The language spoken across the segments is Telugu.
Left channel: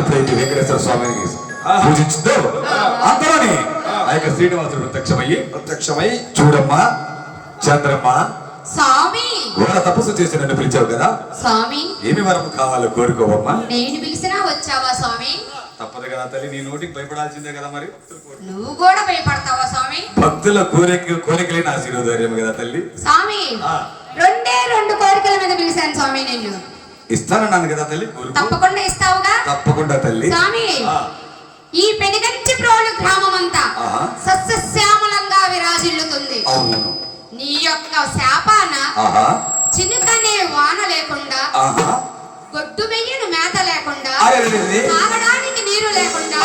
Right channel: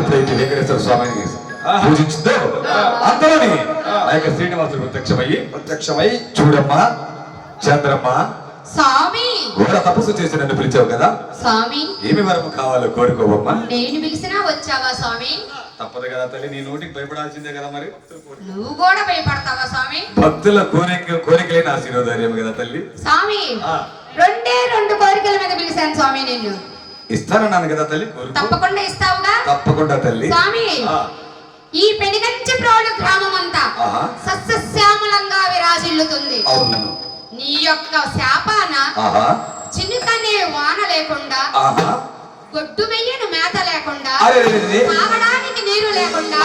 ఎప్పుడైతే వెంకటేశ్వర స్వామిని పూజించిందో అందరూని ఆ యొక్క శ్రీనివాసుడు ప్రత్యక్షమై చూడమ్మా చంద్రమ్మ స్వామి ఘోర తపస్సు చేసి నన్ను పిలిచావు కదా స్వామి, ఏమి వరం కావాలో కోరుకోవమ్మా. నేను పిలిచినా వచ్చావా స్వామి? తప్పదు కదా తల్లి, నీ నోటికి భయపడాల్సిందే కదా మరి. నువ్వు కూడా భయపడతావా స్వామి? భక్తుల కోరికలే నా శిరోధైర్యం కదా తల్లి. స్వామి రెండు కోరికల మీద పిలిచాను స్వామి నిన్ను. ఇస్తానన్నాను కదా తల్లి. తప్పకుండా ఇస్తావుగా? తప్పకుండా తల్లి. స్వామి ఈ పెనుగంచి ప్రోలు గ్రామం అంతా సస్యశ్యామలంగా విరాజిల్లుతుంది. అవును. నీ యొక్క శాపాన చినుకనే వాన లేకుండా, గొడ్డు వెయ్యను మేత లేకుండా, తాగడానికి నీరు లేకుండా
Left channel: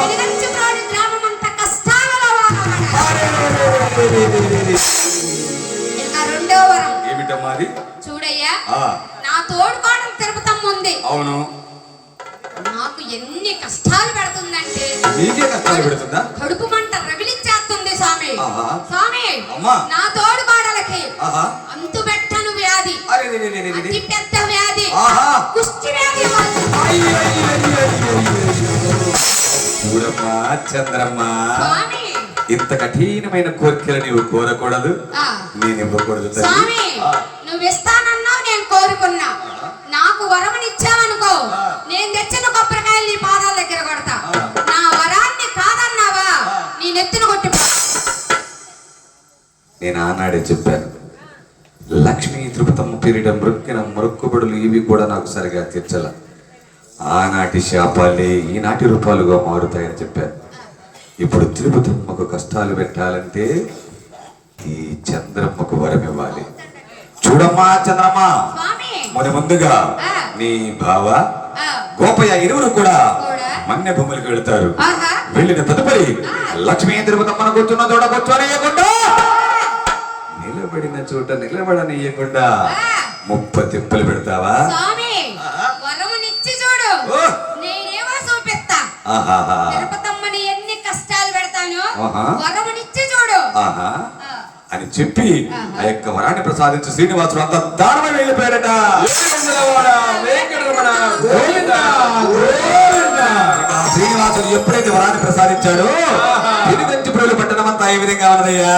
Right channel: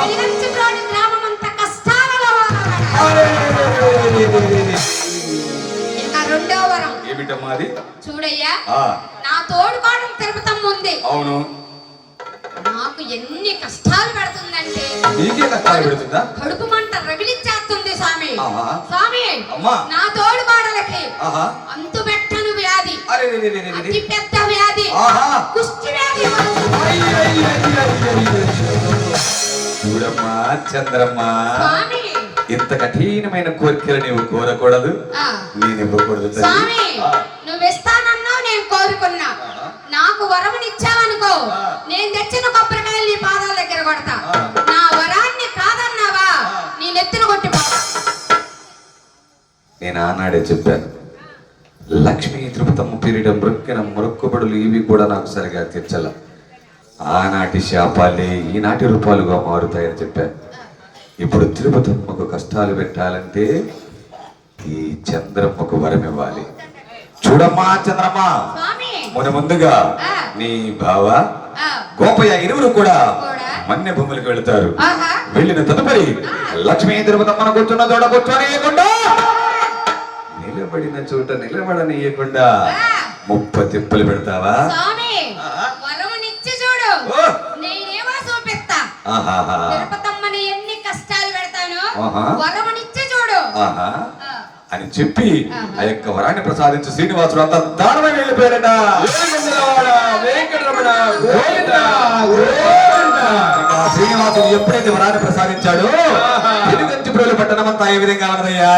పెనుగంచి ప్రోలు గ్రామం అంతా కష్టాలలో ఇంకా రెండో వరం ఏమిటమ్మా అది? చూడయ్యా, నా తోడుకోవడం తిరుపతమ్మ ఉంది. అవును. నాకు ఎన్ని కష్టాలు పెడుతుందంటే నీకే కష్టాలు పెడుతుందా? కడుపు మంట రగిలిచ్చేస్తుంది స్వామి. స్వామి నా తోడు కోడలకి అంతు పెట్టను వ్యాధి, అతి పెద్ద వ్యాధి, కుష్టి వ్యాధి. చూడమ్మా చంద్రమ్మ, స్వామి ఇంత కఠినమైన కోరికలు నీవు కోరకూడదు, నేను ఇవ్వకూడదు. స్వామి నువ్వు ఇస్తానన్నావు, నేను కోరుకున్నా. నాకు వరమునిచ్చావనుకో, నేను తెచ్చిన కొబ్బరికాయలు నీ పాదాల దగ్గర కొడతా. నా వరాన్ని కాదన్నావా, నీ నెత్తిన కొట్టిపో. నేను ఆనాడే చెప్పాను, లక్ష్మీ తిరుపతమ్మ పేరిట మృక్కిన మొక్కుబడులు ఇవి కూడా నాకు సరిగా తీర్చల. ఆనాటి శాపాలే ఈనాటి రూపాలుగా మారుతాయని చెప్పాను. ఇప్పుడు తిరుపతమ్మకు కష్టాలు పెట్టాలంటే ఈ చంద్రమ్మకు వరం ఇవ్వాలి. చూడమ్మా చంద్రమ్మ, ముందుగా నీ బావ గోపయ్య ఇరువురు కూడా మన్య భూములకు వెళతారు. వెళ్ళిన తదుపరి లక్ష్మీ తిరుపతమ్మను కూర్చున్న చోట కూర్చోనియకుండా, నిలబడిన చోట నిలబడనియకుండా 30 తిప్పులు పెడతావా? తిరుపతమ్మని ఎన్ని కష్టాలు పెడతాను, వరమునిచ్చి చూడు అని చెప్పి ఆ యొక్క వరాన్ని ప్రసాదించి శ్రీనివాసుడు అంత దానమై వెళ్ళిపోయారట. శ్రీనివాసుడు ఎప్పుడైతే వరాన్ని ప్రసాదించాడో వెనుగంచి ప్రోలు పట్టణం అంతా ఏ విధంగా ఉన్నదయ్యా?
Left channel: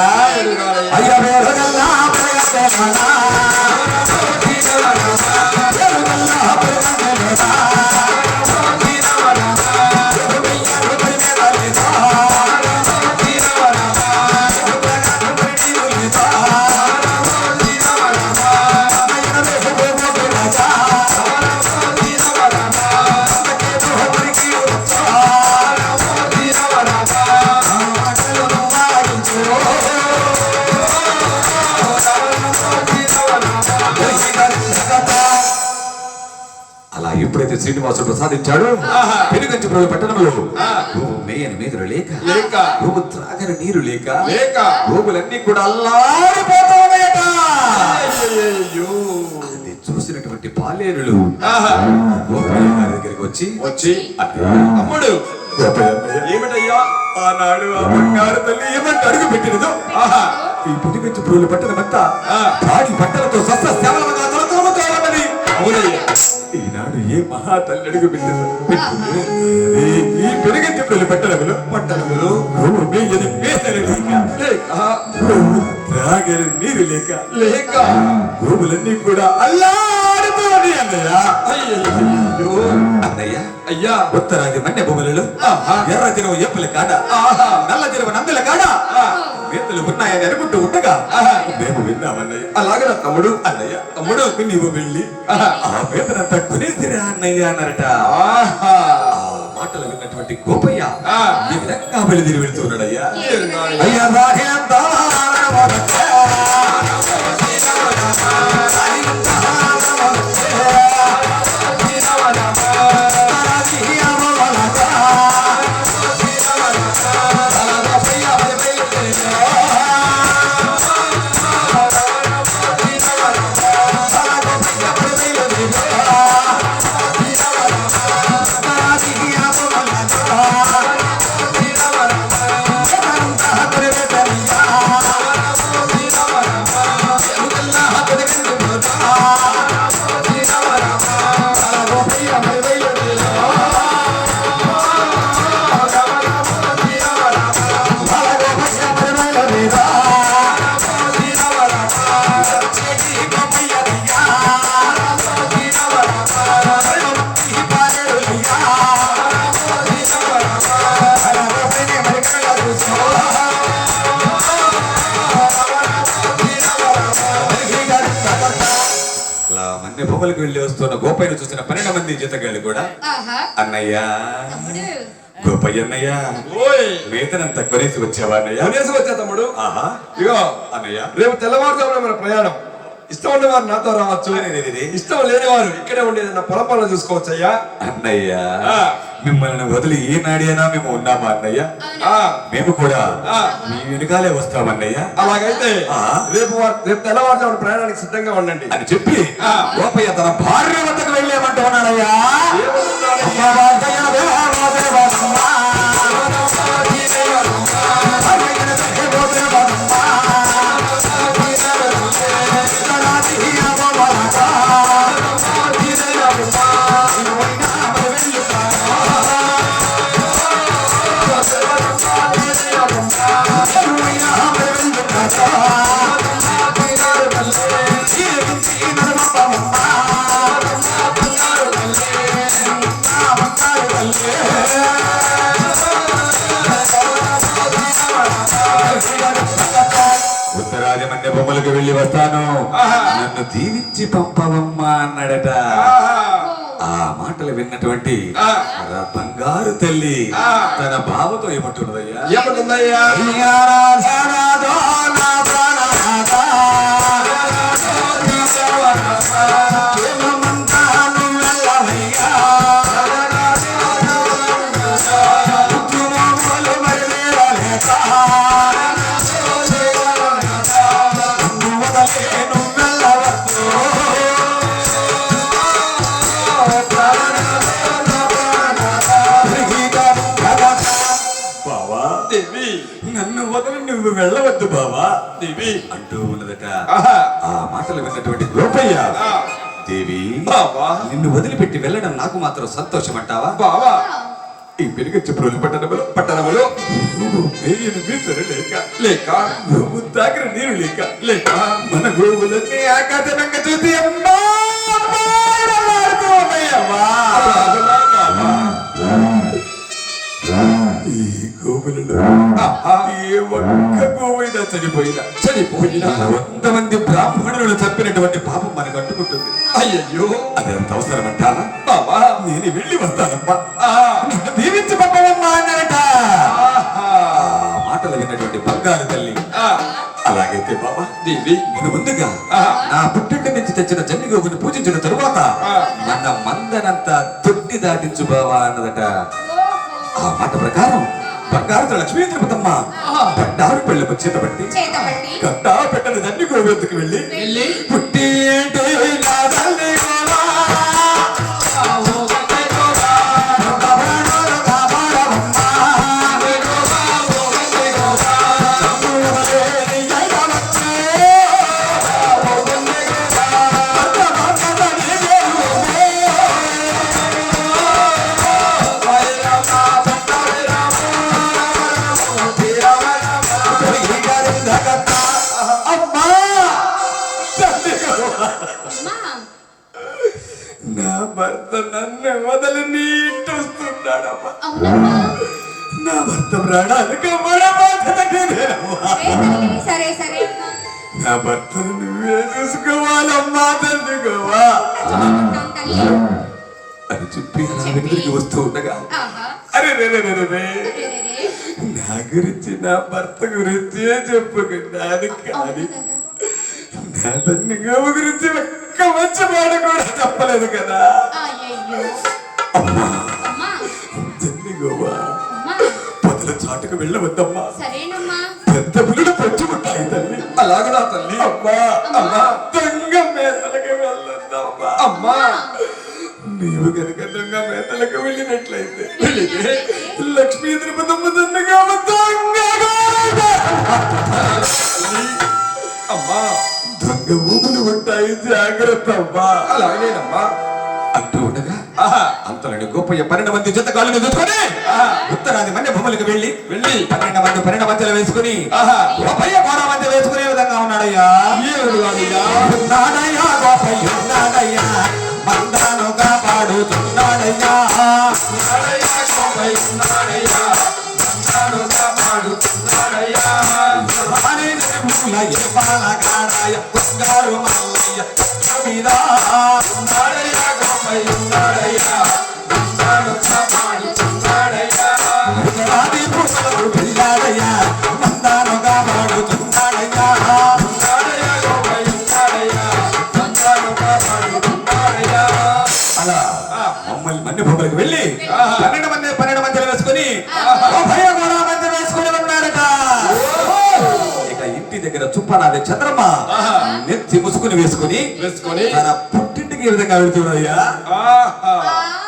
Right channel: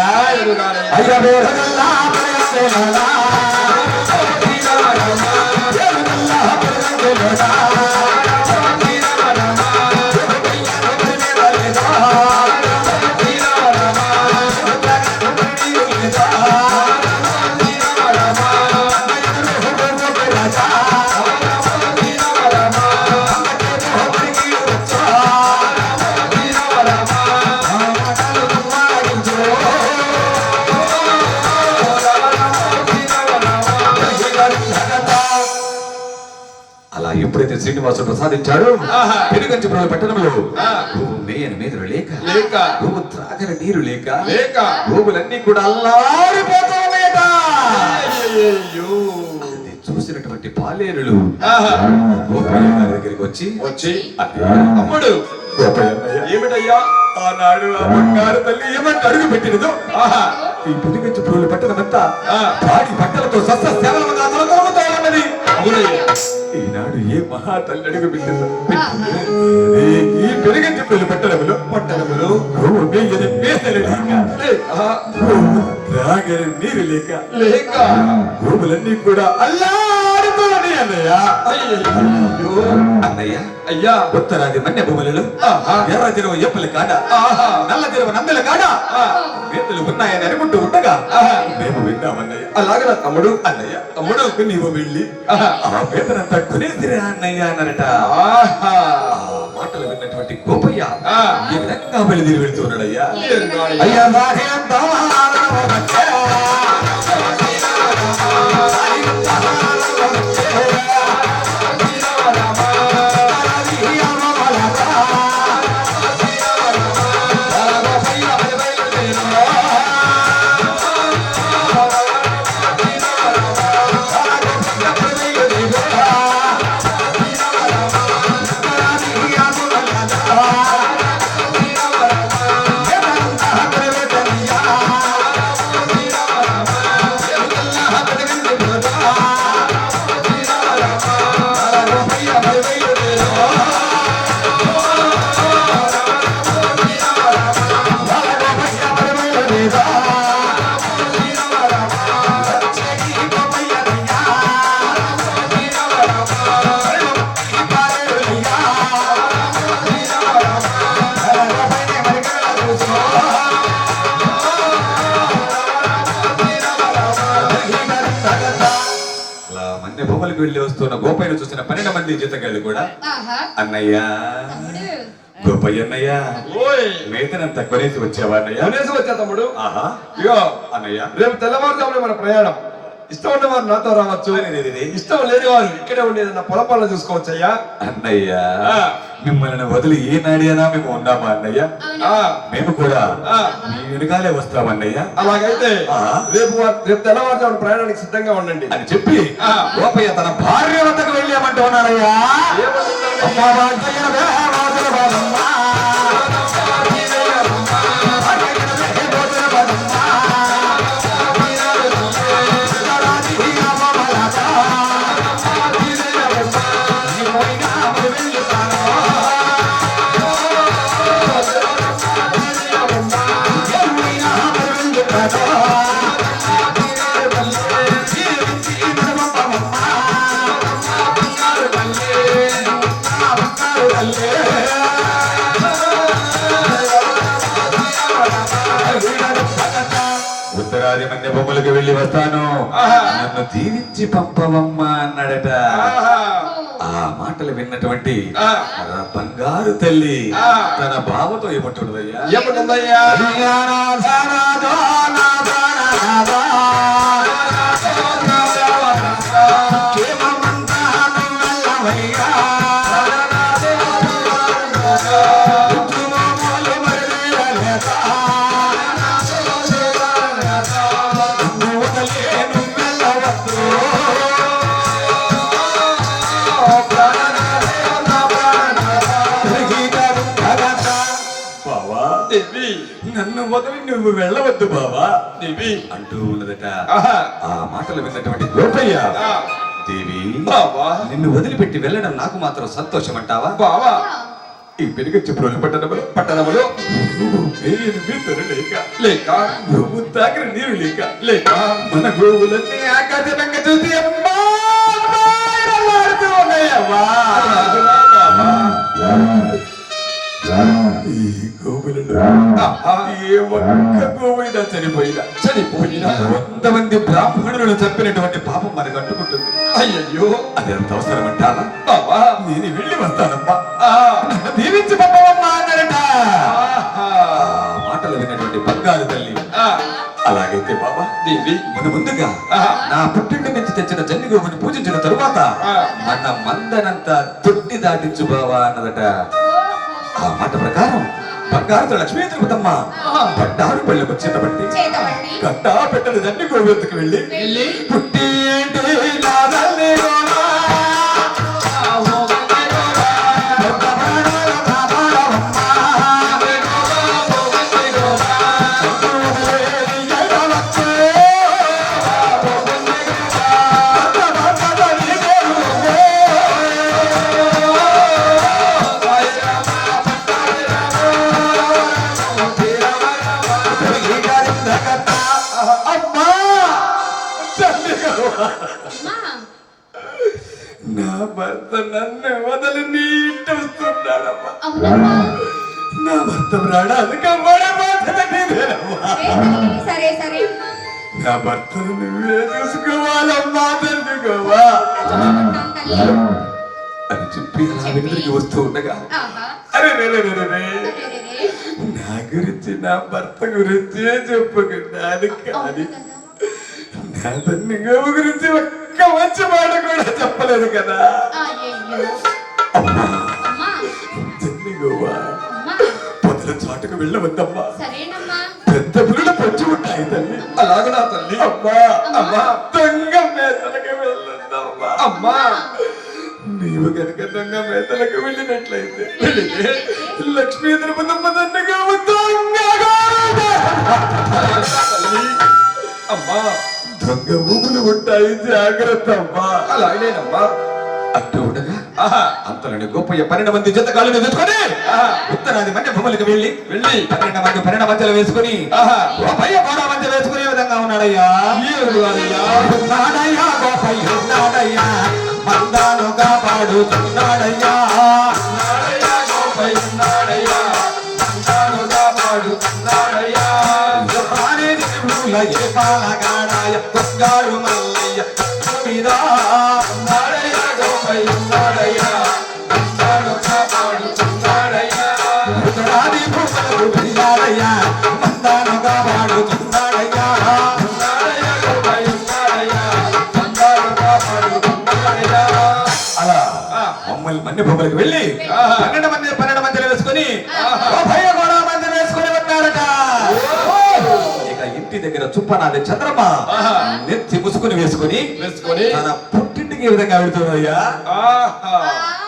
ఎప్పుడైతే శ్రీనివాసుడు ప్రసాదించాడు ఆహా. పెనుగంచిపురం పట్టణంలో గోవు మేయని మీదరు లేక లేక. గోవు త్రాగని నీరు లేక లేక. గోవులన్నీ కూడా అల్లారిపోతాయట. అయ్యయ్యో. అది చూసినటువంటి పాలేరులు ఆహా. గోపయ్య గారి దగ్గరికి వచ్చి వచ్చి అన్నయ్య, తమ్ముడు గోపయ్య అన్నయ్య, ఏమిటయ్యా? ఆనాడు ఆ బంగారు తల్లి ఏమంటే అడుగు పెట్టినదో ఆహా. ఈ పెనుగంచిపురం పట్టణమంతా ఆ. పాడి బట్టలతో సస్య శ్యామలంగా తొలతొలమతోరన్నది. అవునయ్యా. ఈనాడు ఏ మహా తల్లి అడుగు పెట్టిందో ఈ పెనుగంచిపురం పట్టణములో గోవు మేయని మేదరు లేక త్రాగని నీరు లేక లేక. గోవులన్నీ కూడా అల్లాడిపోయి అన్నయ్య. అయ్యయ్యో. అన్నయ్య, అయ్యా. ఉత్తరాది మన్య భూములలో ఆహా. ఎర్ర చెరువు ఎప్పుల కాడ ఆహా. నల్ల చెరువు నందుల కాడ మేతలు ఉన్నాయని అనుకుంటూ ఉండగా ఆహా. మేము విన్నామన్నయ్య. అలాగనా తమ్ముడు? అన్నయ్య, తమ్ముడు. నీవు వెళ్ళి ఆహా. ఆ మేతనంతా కొనేసిరా అన్నయ్య అన్నారట. ఆహా. ఆ మాటలు విన్నటువంటి గోపయ్య ఆ. ఈ విధంగా బయలుదేరి వెళుతున్నాడయ్యా. ఏమిటయ్యా? అయ్యా రాహే అంతా అలా మన్య భూములకు వెళ్ళి వస్తున్న గోపయ్యను చూసిన 12 మంది జీతగాళ్ళు కూడా ఆహా. అన్నయ్య, తమ్ముడు. గోపయ్య అన్నయ్య, ఓయ్. మేతనంతా కొనేసి వచ్చావా అన్నయ్య? కొనేసి వచ్చా తమ్ముడు. ఆహా. ఇగో అన్నయ్య, రేపు తెల్లవారుజామున మన ప్రయాణం. ఇష్టం ఉండేవారు నాతో రావచ్చు, అదేదేదే. ఇష్టం లేని వారు ఇక్కడే ఉండేది నా పొలం పనులు చూసుకోవచ్చయ్యా. అన్నయ్య, ఆ. మిమ్మల్ని వదిలి ఏ నాడైనా మేము ఉన్నామా అన్నయ్య? అవును. ఆ. మేము కూడా ఆ. మీ వెనుకాలే వస్తామన్నయ్య అలాగైతే ఆ. రేపు తెల్లవారుజామున ప్రయాణానికి సిద్ధంగా ఉండండి. అని చెప్పి ఆ. గోపయ్య తన భార్య వద్దకు వెళ్ళామంటూ ఉన్నాడయ్యా. ఏమంటున్నాడు? అమ్మా వాజయ్య దేవాదేవానమ్మ. ఉత్తరాది మన్య బొమ్మలకు వెళ్ళి వస్తాను, ఆహా. నన్ను దీవించి పంపవమ్మా అన్నాడట. ఆహా. ఆ మాటలు విన్నటువంటి ఆ. బంగారు తల్లి ఆ. తన బావతో ఏమంటున్నదయ్యా? ఏమంటుందయ్యా? బావా, దేవి, నన్ను వదిలి నువ్వు వెళ్ళవద్దు బావా దేవి. అంటూ ఉన్నదట. ఆహా. ఆ మాటలు విన్నటువంటి గోపయ్య, ఆ. దేవి, బావా. నిన్ను వదిలిపెట్టి వెళ్ళడం నాకు మాత్రం సంతోషం అంటావా? బావా. ఈ పెనుగంచిపురం పట్టణములో నువ్వు మేయని మేతలు లేక లేక. నువ్వు తాగిన నీరు లేక లేక. మన గోవులన్నీ ఆకాశంగా చూసి అమ్మా అమ్మా అని అల్లాడుతూ ఉన్నాయమ్మా. అలాగునా బావా? ఈ గోవులలో ఆహా. ఏ ఒక్క గోవైనా చనిపోయినా చనిపోయినా 100 మంది బ్రాహ్మణులను చంపినటువంటి పాపం మనకు అంటుకుంటుంది. అయ్యయ్యో. అది అంత అవసరం అంటారా? బావా. నేను వెళ్ళి వస్తానమ్మా, ఆ. దీవించి పంపవమ్మా అన్నారట. ఆహా. ఆ మాటలు విన్నటువంటి బంగారు తల్లి, ఆ. అలాగైతే బాబా దేవి. మన ముందుగా ఆహా. నా పుట్టింటి నుంచి తెచ్చిన జన్ని గోవుని పూజించిన తరువాత మన మందనంతా తొట్టి దాటించు బావా అన్నదట. ఆ మాట ప్రకారం బంగారుతో లక్ష్మీ తిరుపతమ్మ పట్టారు పెళ్ళకు చేతబట్టి చేతబట్టి కట్టా పెట్టని దండి గోవెత్తుకు వెళ్ళి పుట్టి ఏంటి నాదల్లి గోవా, అమ్మా నా భర్త నన్ను వదలి నీటుస్తున్నాడమ్మా. అవునమ్మా నా భర్త ప్రాణానికి సరే సరే నా భర్తను నువ్వే చూసుకోవాలమ్మా తల్లి గోవా చూసుకుంటాం తల్లి. అని చెప్పి అలా వెనుదిరిగి వస్తూ ఉండగా ఆహా. అరే రే రే రే రే రే. అరెరెరె. నా గురించి నా భర్త గురించి చెప్పుకున్నాను కానీ అవును కదా. నా తల్లి గోవ గురించి ఒక్క మంచి మాట కూడా చెప్పలేదు కదా. అయ్యయ్యో. అమ్మా అమ్మా తల్లి గోవా అమ్మా పొదల చాటుకు వెళ్ళవద్దమ్మా. సరేనమ్మా. పెద్ద పులులు పొచ్చి ఉంటాయి తల్లి. అలాగనా తల్లి? అమ్మా అమ్మా దొంగ మేతలకు వెళ్ళొద్దమ్మా. అమ్మా నీవు కనుక దొంగ మేతలకు వెళ్ళినట్లయితే లక్ష్మీ తిరుపతమ్మ దండగా దొంగగా తల్లి అమ్మా దొంగ ఊపులు ఉంటాయి, జాగ్రత్త అమ్మా. అలాగేనమ్మా. అంటూ ఉండగా ఆహా అంతలోని గోపయ్య 12 మంది జత కాళ్ళను తెచ్చుకొని ఉత్తరాది మన్య భూములకు వెళ్ళి 12 మధ్యలో వేసుకుని ఆహా గోపయ్య కూడా మధ్య వేసుకునే విధంగా ఉన్నాడయ్యా. ఏ విధంగానయ్యా? ఉన్నాడయ్యా గోపయ్య ఉన్నాడయ్యా, మందాను కాపాడుతున్నాడయ్యా. నాడయ్యా గోపయ్య నాడయ్యా, నందానుగా పాడుతున్నాడయ్యా. రాణి దేవుల ఏ పాలగాడాయ బంగారు మల్లయ్య మీద నాడయ్యా గోపయ్య నాడయ్యా, నందానుగా పాడుతున్నాడయ్యా. ఉత్తరాది భూములకు వెళ్ళాడయ్యా, మందాను కాపాడుతున్నాడయ్యా. నాడయ్యా గోపయ్య నాడయ్యా, నందానుగా పాడుతున్నాడయ్యా. అలా మమ్మల్ని మన్ని భూములకు వెళ్ళి 12 మందిలో వేసుకుని గోపయ్య కూడా మంది వేసుకుని ఉన్నాడట. ఇక ఇంటి దగ్గర చుప్పనాది చంద్రమ్మ నెత్తి ముసుకుని వేసుకుని వేసుకొని తన పుట్టింటికి ఈ విధంగా వెళ్తున్నాయ్యా. ఆహా ఆ